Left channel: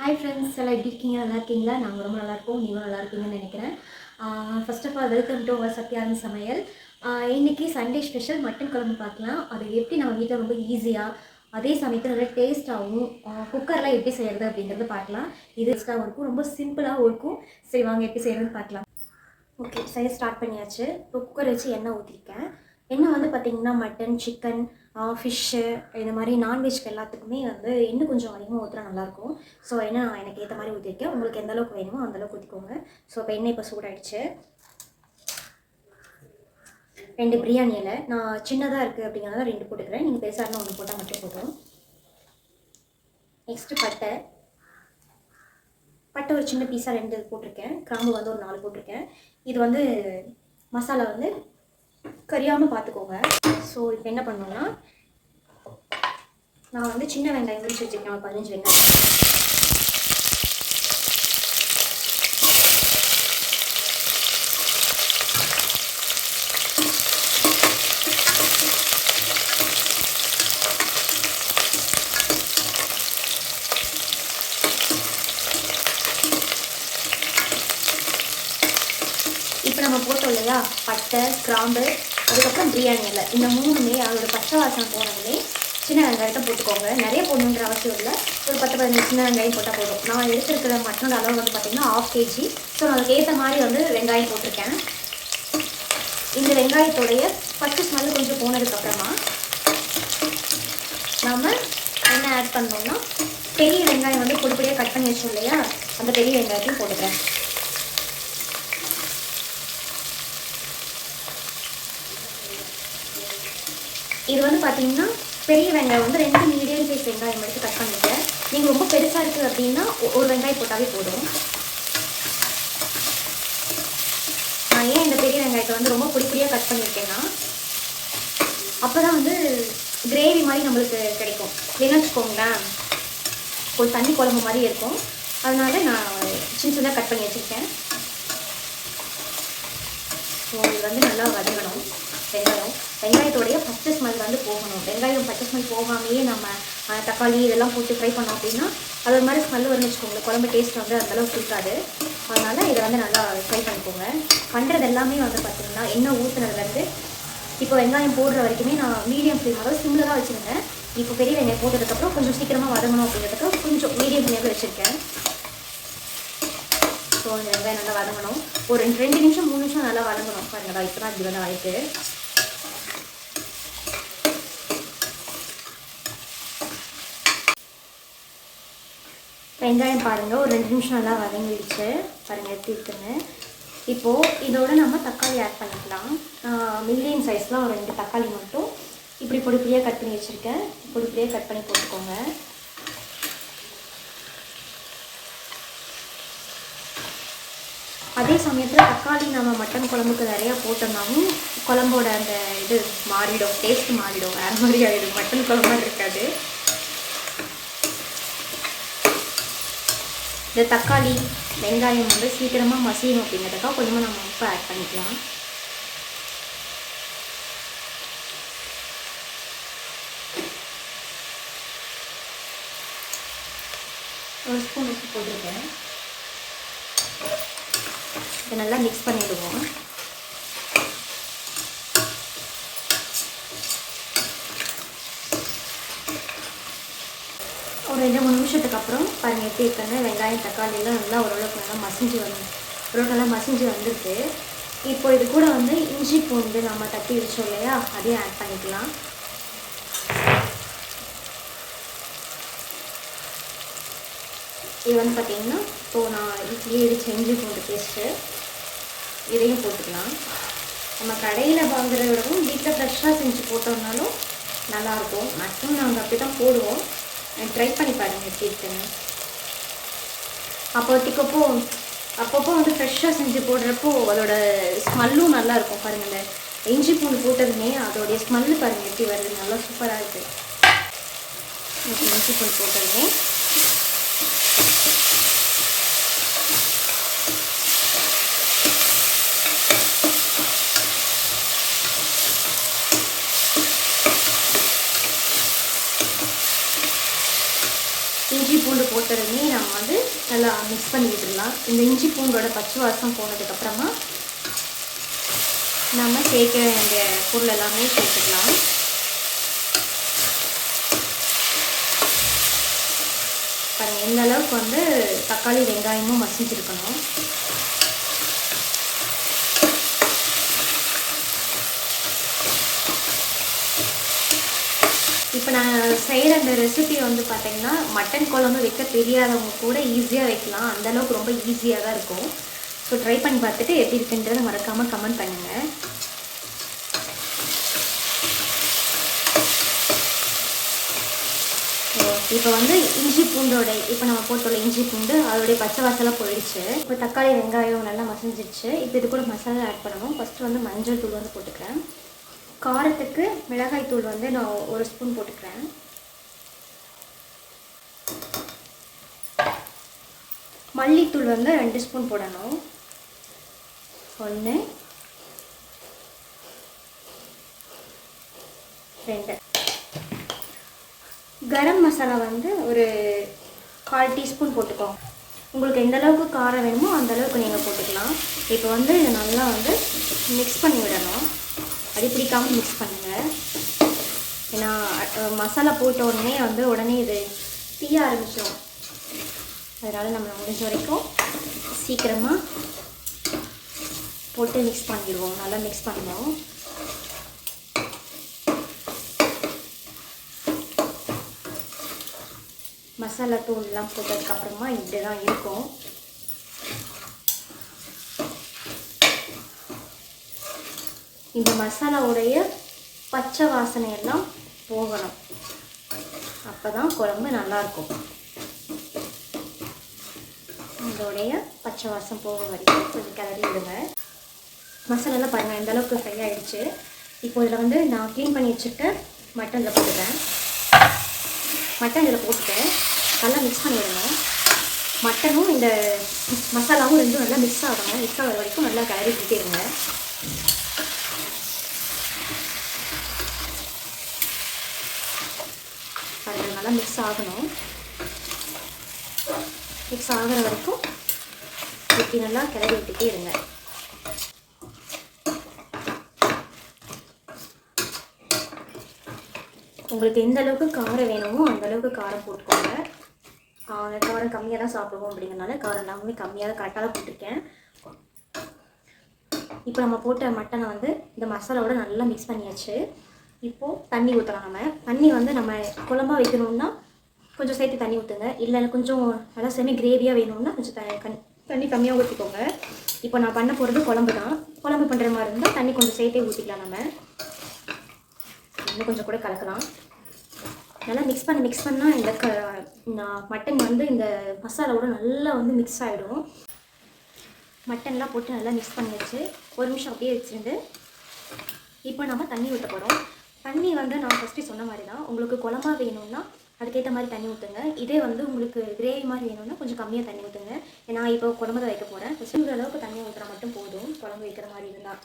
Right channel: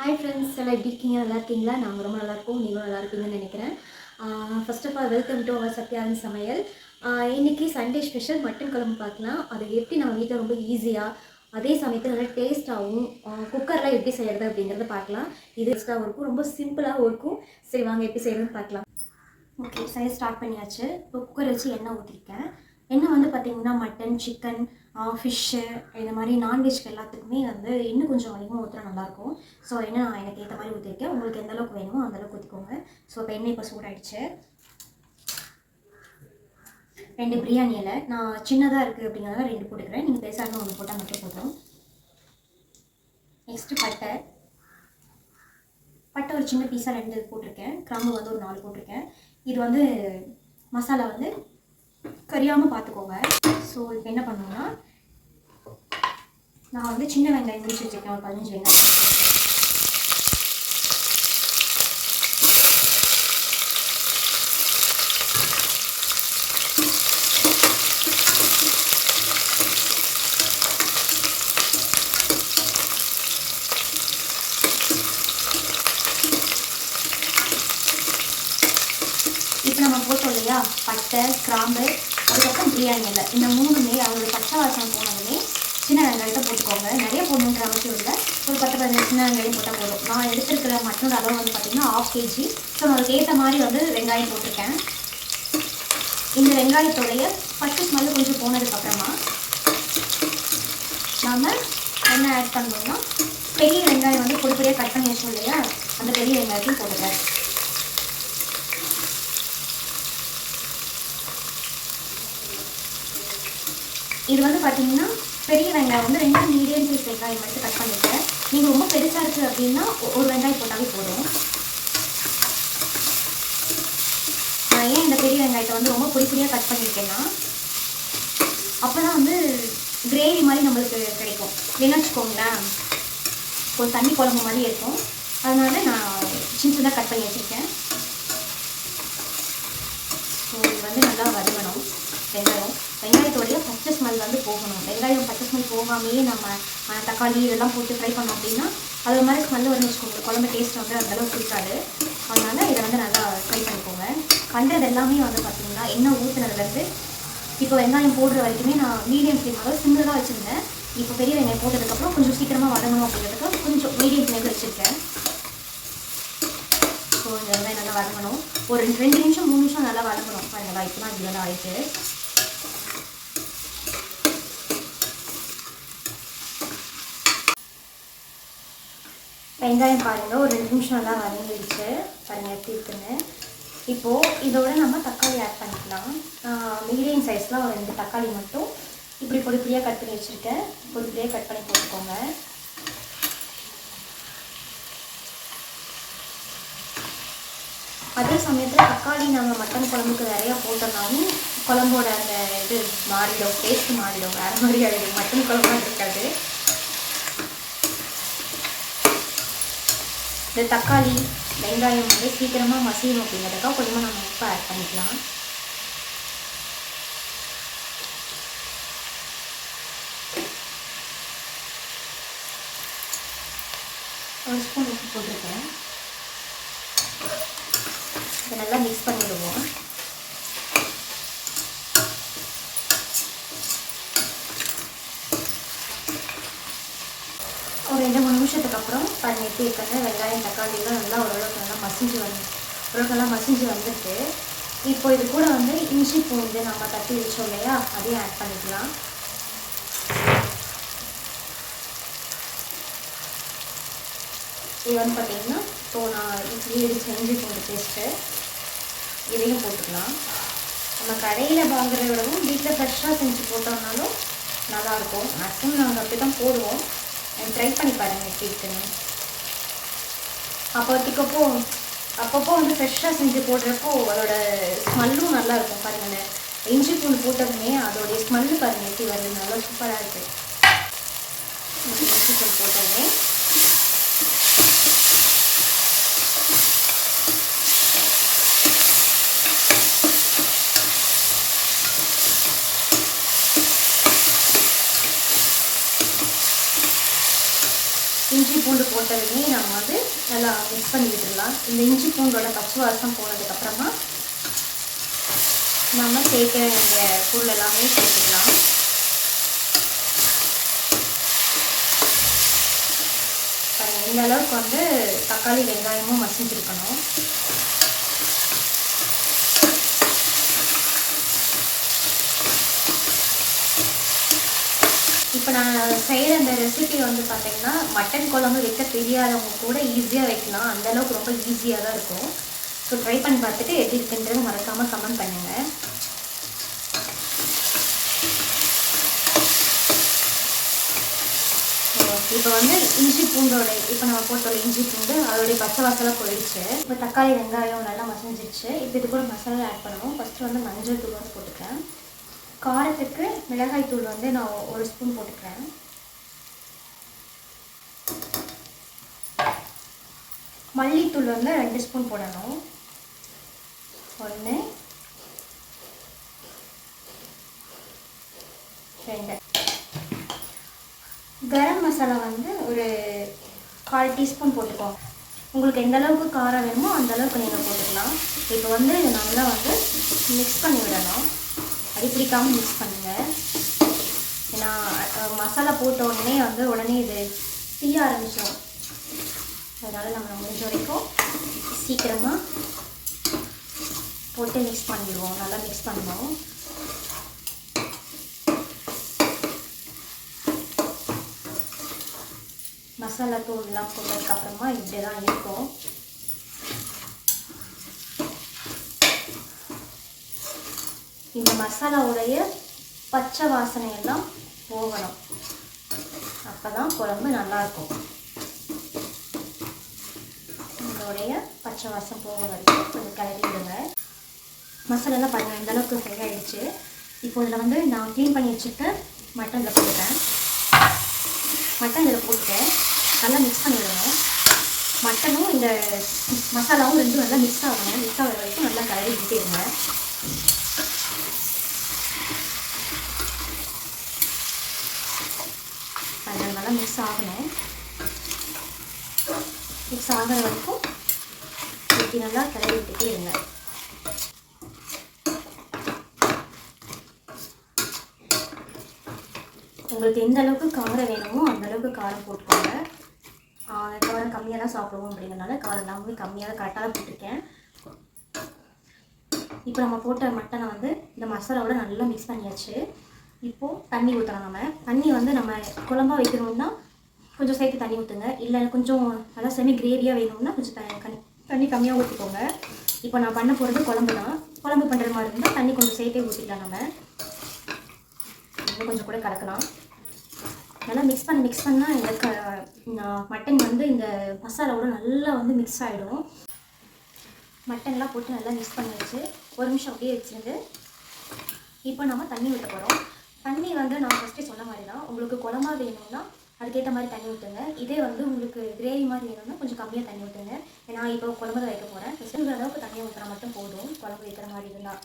Hi friends எல்லாம் எப்படி இருக்கீங்க? நல்லா இருக்கீங்களா? நாங்கள் ரொம்ப நல்லாயிருக்கோம் நீங்களும் நல்லா இருப்பீங்கன்னு நினைக்கிறேன். First of all welcome to our Satyanand சமையல். இன்றைக்கி இன்னைக்கு சண்டே ஸ்பெஷல் மட்டன் குழம்பு பார்க்கலாம். அதை எப்படி நம்ம வீட்டில் ரொம்ப ஈஸியாக அதே சமயத்தில் நல்லா டேஸ்ட்டாகவும் குக்கரில் எப்படி செய்கிறது அப்படிங்கிறத பார்க்கலாம். இது டேஸ்ட்டாகவும் இருக்கும். ரொம்ப சிம்பிளாகவும் இருக்கும். சரி வாங்க எப்படி செய்கிறதுன்னு பார்க்கலாம். ஓகே சரி ஸ்டார்ட் பண்ணியாச்சு. இப்போ குக்கர் வச்சு எண்ணெய் ஊற்றிருக்கேன் இன்னும் வந்து பார்த்திங்கன்னா மட்டன் சிக்கன் ஃபிஷ்ஷு இந்த மாதிரி நான்வெஜ்க்கு எல்லாத்துக்குமே வந்து இன்னும் கொஞ்சம் அதிகமாக ஊற்றினா நல்லாயிருக்கும். ஸோ என்ன நான் எனக்கு ஏற்ற மாதிரி ஊற்றிருக்கேன் உங்களுக்கு எந்த அளவுக்கு வேணுமோ அந்தளவுக்கு ஊற்றிக்கோங்க ஸோ இப்போ எண்ணெய் இப்போ சூடாயிடுச்சு. ரெண்டு பிரியாணி இலை. நான் சின்னதாக இருக்குது அப்படிங்கிறத ரெண்டு போட்டுக்கிறேன். நீங்கள் பெருசாக இருந்தால் ஒன்று போட்டால் மட்டும் போதும். நெக்ஸ்ட்டு பட்டை. பட்டை ஒரு சின்ன பீஸாக ரெண்டு போட்டிருக்கேன். கிராம்பு வந்து ஒரு நாலு போட்டிருக்கேன். இது வந்து மசாலா வந்து கரியாமல் பார்த்துக்கோங்க ஸோ இப்போ என்ன பண்ணோம்னா நான் வந்து சின்ன வெங்காயம் முடிச்சு வச்சுருக்கேன் ஒரு பதினஞ்சு வெங்காயம் இப்போ நம்ம போட்டோம் இல்லையா பட்டை கிராம்பு அதுக்கப்புறம் பிரியாணி இலை இந்த மூணுமே அதோட பச்சை வாசனம் போனதுமே சின்ன வெங்காயத்தை போட்டுக்கோங்க. நிறைய போடணுன்ற அவசியம் இல்லை. ஒரு பத்து பதினஞ்சு சின்ன வெங்காயம் போட்டால் போதும். நான் எடுத்துருக்கிற மட்டனோட அளவு வந்து பார்த்திங்கன்னா ஆஃப் கேஜி ஸோ நான் அதுக்கேற்ற மாதிரி வந்து வெங்காயம் போட்டிருக்கேன். இந்த வெங்காயத்தோடைய பச்சை ஸ்மெல்லு கொஞ்சம் போனதுக்கப்புறமா நம்ம என்ன ஆட் பண்ணோம்னா பெரிய வெங்காயம் வந்து பொடி பொடியாக கட் பண்ணி வச்சோம் இல்லையா? அந்த பெரிய வெங்காயத்தையும் போட்டுக்கிறேன் இது வந்து பார்த்தீங்கன்னா பெரிய வெங்காயம் வந்து ரெண்டு மீடியம் சைஸ் வெங்காயம் எடுத்து கட் பண்ணிட்டேன் நீங்கள் ரொம்ப பெருசாக இருக்குது அப்படின்னா ஒரு வெங்காயம் போட்டாலே போதும். நான் ஏன் இந்த பெரிய வெங்காயத்தை வந்து ரொம்ப பொடி பொடியாக கட் பண்ணியிருக்கேன்னா அப்போ தான் வந்து கிரேவி மாதிரி நம்மளுக்கு கிடைக்கும். இல்லைன்னு வச்சுக்கோங்களேன் ஒரு தண்ணி குழம்பு மாதிரி இருக்கும். அதனால நான் சின்ன சின்ன கட் பண்ணி வச்சுருக்கேன். ஸோ இது வந்து நல்லா வதங்கணும். வெங்காயம். வெங்காயத்தோடைய பச்சை ஸ்மெல் வந்து போகணும் வெங்காயம் ஸ்மெல் போகாமையே நம்ம தக்காளி இதெல்லாம் போட்டு ஃப்ரை பண்ணோம் அப்படின்னா அது ஒரு மாதிரி ஸ்மெல் வந்து வச்சுக்கோங்க. குழம்பு டேஸ்ட் வந்து அந்தளவுக்கு இருக்காது. அதனால் இதை வந்து நல்லா ஃப்ரை பண்ணிக்கோங்க. பண்ணுறது எல்லாமே வந்து பார்த்தீங்கன்னா எண்ணெய் ஊற்றுனதுலேருந்து இப்போ வெங்காயம் போடுற வரைக்குமே நான் மீடியம் ஃப்ளேம் சிங்கிளாக வச்சுருந்தேன். இப்போ பெரிய வெங்காயம் போட்டதுக்கப்புறம் கொஞ்சம் சீக்கிரமாக வதங்கணும் அப்படிங்கிறதுக்கு கொஞ்சம் மீடியம் ஃப்ளேமில் வச்சுருக்கேன். ஸோ இந்த வெங்காயம் நல்லா வதங்கணும். ஒரு ரெண்டு ரெண்டு நிமிஷம் மூணு நிமிஷம் நல்லா வதங்கணும். பாருங்கடா இப்போ தான் இப்படி வந்து ஆயிட்டு வெங்காயம் பாருங்கள் ஒரு ரெண்டு நிமிஷம் நல்லா வதங்கிடுச்சு பாருங்கள் எப்படி இருக்குன்னு. இப்போது இதோட நம்ம தக்காளி ஆட் பண்ணிக்கலாம். மீடியம் சைஸ்லாம் ஒரு ரெண்டு தக்காளி மட்டும் இப்படி பொடி பொடியாக கட் பண்ணி வச்சுருக்கேன். பொடி பொடியாக கட் பண்ணி போட்டுக்கோங்க. அதே சமயத்தில் தக்காளி நம்ம மட்டன் குழம்புக்கு நிறையா போட்டோம்னாலும் குழம்போட அந்த இது மாறிடும் டேஸ்ட் மாறிடும். வேறு மாதிரி ஆகிடும் மட்டன் குழம்பு இருக்காது. இந்த தக்காளி வெங்காயம் வந்து சீக்கிரமாக மசியணும் அப்படிங்கிறதுக்காக கொஞ்சமாக நம்ம உப்பு ஆட் பண்ணிக்கலாம். ஒரு ஸ்பூன் உப்பு போட்டிருக்கேன். இதை நல்லா மிக்ஸ் பண்ணிவிடுவோம் ஒரு ரெண்டு மூணு நிமிஷத்துக்கு அப்புறம் பாருங்க எப்படி இருக்குன்னு வெங்காயம் தக்காளிலாம் நல்லா ஓரளவுக்கு நல்லா மசிஞ்சு வந்து ஓரளவுக்கு நல்லா மசிஞ்சு வந்துருக்கு இப்போ இது கூட வந்து இஞ்சி பூண்டு நம்ம தட்டி வச்சோம் இல்லையா? அதையும் ஆட் பண்ணிக்கலாம். இது வந்து பார்த்தீங்கன்னா இப்போ நான் இட்லி இடிச்ச இஞ்சி பூண்டு பேஸ்ட்டு இதையும் போட்டுக்கலாம். நம்ம கடையில் வாங்குறத விடவும் வீட்டில் ஃப்ரெஷ்ஷாக செஞ்சு போட்டோம்னாலும் நல்லாயிருக்கும் மேக்ஸிமம் நாங்கள் அப்படி தான் போடுவோம். ட்ரை பண்ணி பாருங்கள் கேக்குன்னு இருக்குன்னு. அப்போத்துக்கப்போ அப்பப்போ வந்து ஃப்ரெஷ்ஷாக செஞ்சு போடுறப்போ அதோட ஸ்மெல்லும் நல்லாயிருக்கும் பாருங்களேன். இஞ்சி பூண்டு போட்டதுமே அதோடைய ஸ்மெல்லு பாருங்கள் எப்படி வருது. நல்லா சூப்பராக இருக்குது இஞ்சி பூண்டு போட்டதுமே இஞ்சி பூண்டு போட்டது வரையுமே நம்ம வந்து நல்லா மிக்ஸ் பண்ணி விட்டுடலாம். இந்த இஞ்சி பூண்டோட பச்சை வாசம் போனதுக்கப்புறமா நம்ம சேர்க்க வேண்டிய பொருள் எல்லாமே சேர்த்துக்கலாம். இந்தளவுக்கு இந்த அளவுக்கு வந்து தக்காளி வெங்காயமும் மசிஞ்சிருக்கணும் இப்போ நான் செய்கிற இந்த ரெசிபி வந்து பார்த்தீங்கன்னா மட்டன் குழம்பு வைக்க தெரியாதவங்க கூட ஈஸியாக வைக்கலாம். அந்த அளவுக்கு ரொம்ப ஈஸியாக தான் இருக்கும். ஸோ ட்ரை பண்ணி பார்த்துட்டு எப்படி இருக்குன்றதை மறக்காமல் கமெண்ட் பண்ணுங்கள் இப்போ வந்து இஞ்சி பூண்டோட இப்போ நம்ம போட்டோட இஞ்சி பூண்டு அதோடைய பச்சை வாசலாக போயிடுச்சு. இப்போ தக்காளி வெங்காயம் நல்லா மசஞ்சிடுச்சு இப்போ இது கூட மசாலா ஆட் பண்ணுவோம் ஃபஸ்ட்டு வந்து மஞ்சள் தூள் வந்து போட்டுக்கிறேன். காரத்துக்கு மிளகாய் தூள் வந்து நான் ஒரு ஸ்பூன் போட்டுக்கிறேன். மல்லித்தூள் வந்து ரெண்டு ஸ்பூன் போடணும். ஒன்று ரெண்டு. கரம் மசாலா வந்து ஒரு கால் டீஸ்பூன் போட்டுக்கோங்க. உங்களுக்கு எந்த அளவுக்கு காரம் வேணுமோ அந்த அளவுக்கு நீங்கள் போட்டுக்கலாம். இப்போ வந்து இதை நல்லா வந்து மிக்ஸ் பண்ணி விடணும். அடி பிடிக்காமல் மிக்ஸ் பண்ணுங்கள் ஏன்னா மசாலா போட்ட உடனே வந்து உடனே இது தீய ஆரம்பிச்சிடும் அதனால் நம்ம முடிஞ்ச வரைக்கும் சீக்கிரமாக போட்டு மிக்ஸ் பண்ணிடுவோம். நல்லா மிக்ஸ் பண்ணுவோம். மசாலா தூள்லாம் போட்டதுக்கப்புறமா இப்படி தான் இருக்கும். இந்த மசாலாவுடைய பச்சை வாசனை எல்லாம் போகணும். அப்போ தான் குழம்பு நல்லாயிருக்கும் இதோடைய பச்சை வாசம் போக வரைக்கும் கொஞ்சம் கிளறி விடுங்க. மசாலாலாம் பாருங்கள் இந்த அளவுக்கு ஃப்ரை ஆகிடுச்சு இப்போ இதில் வந்து நான் க்ளீன் பண்ணி வச்சுட்டு மட்டனில் போட்டுட்டேன். மட்டன் இதில் போட்டு நல்லா மிக்ஸ் பண்ணிவிடுங்க மட்டனும் இந்த மசாலாவும் ரெண்டும் நல்லா மிக்ஸ் ஆகணும். மிக்ஸ் ஆகிற வரைக்கும் நல்லா கிளறி விட்டுருங்க அது நல்லா மிக்ஸ் ஆகணும் மிக்ஸ் ஆகிற வரைக்கும் இப்படி நல்லா கிளறி விட்டுட்டே இருங்க. உங்களுக்கு எந்த அளவுக்கு காரம் வேணுமோ அந்த அளவுக்கு காரம் போட்டுக்கோங்க. காரம் கம்மியாக தான் சாப்பிடுவோம் அப்படிங்கிறனால காரம் எல்லாமே கம்மியாக தான் கரெக்டாக தான் போட்டிருக்கேன். இப்போ நம்ம போட்ட மட்டனை வந்து இந்த மசாலாவோட நல்லா மிக்ஸ் பண்ணியாச்சு. இப்போது தண்ணி ஊற்றலாம் நம்ம. தண்ணி வந்து நம்ம குழம்பா வைக்கணும்னா கொஞ்சம் சேர்த்து தண்ணி ஊற்றுங்க இல்லை கொஞ்சம் நல்லா செமி கிரேவியாக வேணும்னா கொஞ்சம் த தண்ணி கம்மியாக ஊற்றிக்கோங்க இப்போ நான் பண்ண போகிறது குழம்பு தான். குழம்பு பண்ணுற மாதிரி இருந்தால் தண்ணி கொஞ்சம் சேர்த்தே ஊற்றிக்கலாம் நம்ம. இன்னும் கொஞ்சம் கூட கலக்கலாம். நல்லா மிக்ஸ் பண்ணி மிக்ஸ் பண்ணால் இந்த க நான் மட்டன் வந்து இந்த மசாலாவோட நல்லா வந்து மிக்ஸ் ஆகிடும் மட்டன்லாம் போட்டு நல்லா மிக்ஸ் பண்ணியாச்சு. ஒரு நிமிஷம் அப்படியே வச்சுருந்து இப்போ நம்ம தண்ணி ஊற்ற போகிறோம் தண்ணி வந்து நான் ஃபஸ்ட்டு சொன்ன மாதிரி தான் உங்களுக்கு குழம்பா வேணும்னா அதுக்கேற்ற மாதிரி தண்ணி ஊற்றுங்க இதே வந்து உங்களுக்கு கிரேவி மாதிரி வேணும்னா கொஞ்சம் கம்மியாக தண்ணி ஊற்றுங்க ஏன்னா இப்போ குழம்பு தான் வைக்க போகிறேன் இந்த அளவுக்கு தண்ணியாக ஊற்றுற மட்டும் போதும். குழம்பு வைக்கிற மாதிரி இருந்தால்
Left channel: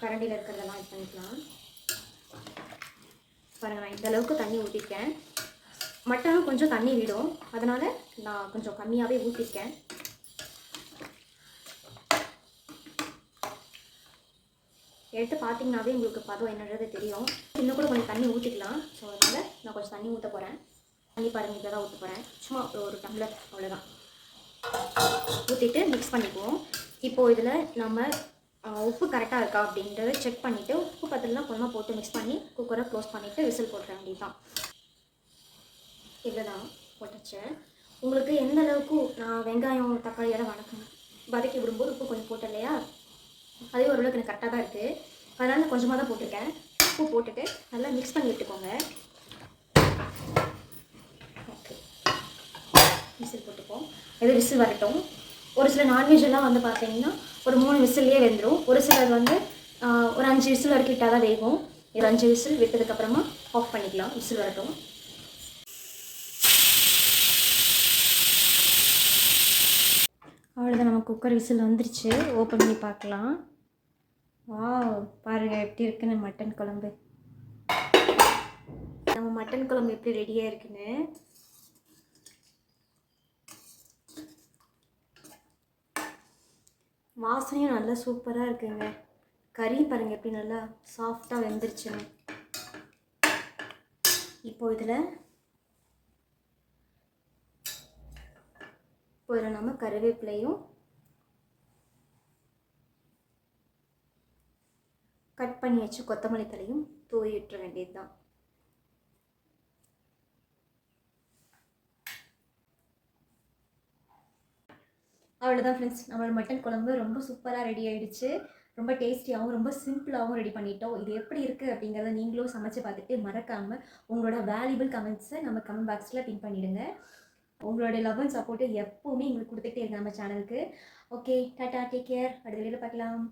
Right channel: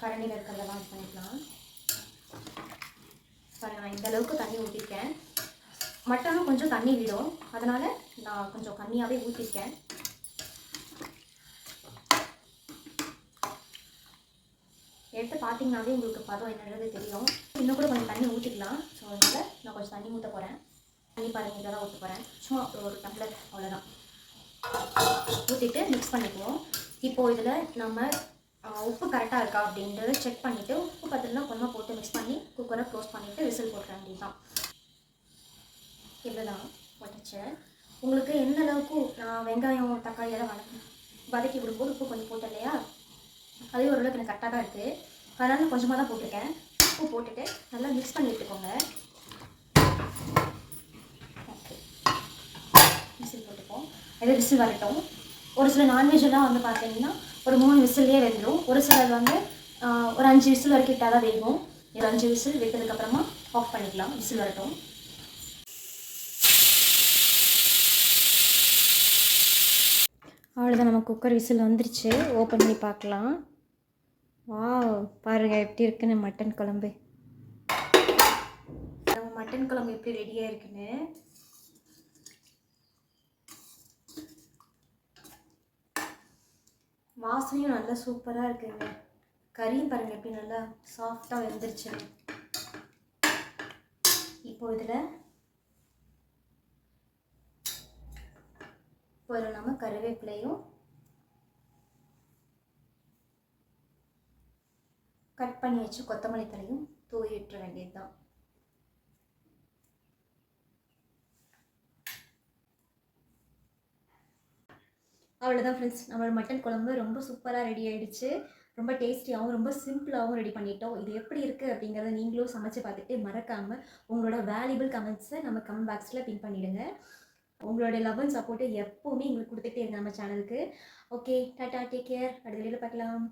கரண்டியில் இருக்கிறதெல்லாம் இது பண்ணிக்கலாம். பாருங்க நான் இந்த அளவுக்கு தண்ணி ஊற்றிருக்கேன் மட்டனும் கொஞ்சம் தண்ணி விடும். அதனால் நான் கொஞ்சம் கம்மியாகவே ஊற்றிருக்கேன் எடுத்து பார்த்தீங்கன்னாவே உங்களுக்கு பதம் என்னன்றது தெரியும். இன்னும் கூட கொஞ்சம் தண்ணி ஊற்றிக்கலாம் ஸோ அதனால் நான் கொஞ்சம் தண்ணி ஊற்ற போகிறேன் தண்ணி பாருங்க இதை தான் ஊற்ற போகிறேன் சும்மா ஒரு டம்ளர் அவ்வளோதான் ஊற்றிட்டு மிக்ஸ் பண்ணிக்குவோம். இப்போது இதில் நம்ம உப்பு கரெக்டாக இருக்கா அப்படின்றத செக் பண்ணிவிட்டு உப்பு பத்திரலாம் கொஞ்சமாக போட்டு மிக்ஸ் பண்ணி குக்கரை க்ளோஸ் பண்ணிவிட்டு விசில் போட்டுற வேண்டியதுதான். இவ்வளோதான் போட்டுச்சேன் உங்களுக்கு எந்த அளவுக்கு நான் வெங்காயம் தக்காளி எல்லாம் வதக்கி வதக்கி விடும்போது உப்பு கொஞ்சம் போட்டேன் இல்லையா? அதே ஓரளவுக்கு எனக்கு கரெக்டாக தான் இருக்குது அதனால் கொஞ்சமாக தான் போட்டிருக்கேன். உப்பு போட்டுட்டு நல்லா மிக்ஸ் பண்ணி விட்டுக்கோங்க விசில் போட்டுப்போம். இது விசில் வரட்டும். ஒரு சில நான்வெஜ்லாம் வந்து பார்த்தீங்கன்னா ஒரு மூணு விசில்லே வெந்துடும் ஒரு சிலர் வந்து ஒரு அஞ்சு விசில் வரைக்கும் விட்டால் தான் வேகும். இது அஞ்சு விசில் விட்டதுக்கப்புறமா ஆஃப் பண்ணிக்கலாம். விசில் வரட்டும். அவ்வளோதான் நம்ம குக்கர் விசில் வந்துருச்சு. ஓப்பன் பண்ணி பார்க்கலாம். வா பாருங்கள் எப்படி இருக்குன்னு மட்டன் குழம்பு. நம்ம மட்டன் குழம்பு எப்படி ரெடியாக இருக்குன்னு. வாசனையும் நல்லா சூப்பராக இருக்குங்க. கறியும் பாருங்கள் எப்படி நல்லா சாஃப்டாக வெந்துருச்சுங்க இப்போ இதில் இப்போ இதில் நம்ம கருவேப்பிலையும் கட் பண்ணி வச்சு கொத்தமல்லி தலையும் தூவிட்டுற வேண்டியது தான் அவ்வளோதான் ஃப்ரெண்ட்ஸ் நம்மளோட மட்டன் குழம்பு ரொம்ப சூப்பராக ரெடி ஆயிடுச்சு. ரொம்ப டேஸ்டியாகவும் ரொம்ப சிம்பிளாகவும் ரெடி பண்ணிட்டோம். இது எப்படி இருக்குது அப்படிங்கிறத நீங்களும் சமைச்சு பார்த்துட்டு மறக்காமல் உங்களோட வேல்யூபிள் கமெண்ட்ஸை நம்ம கமெண்ட் பாக்ஸில் பின் பண்ணிவிடுங்க உங்களோட லவ் அண்ட் சப்போர்ட்டு எப்போவுமே எங்களுக்கு கொடுத்துட்டே இருக்கு நம்ம சேனலுக்கு ஓகே டாட்டா டேக் கேர் அடுத்த வீடியோவில் பார்க்கலாம்.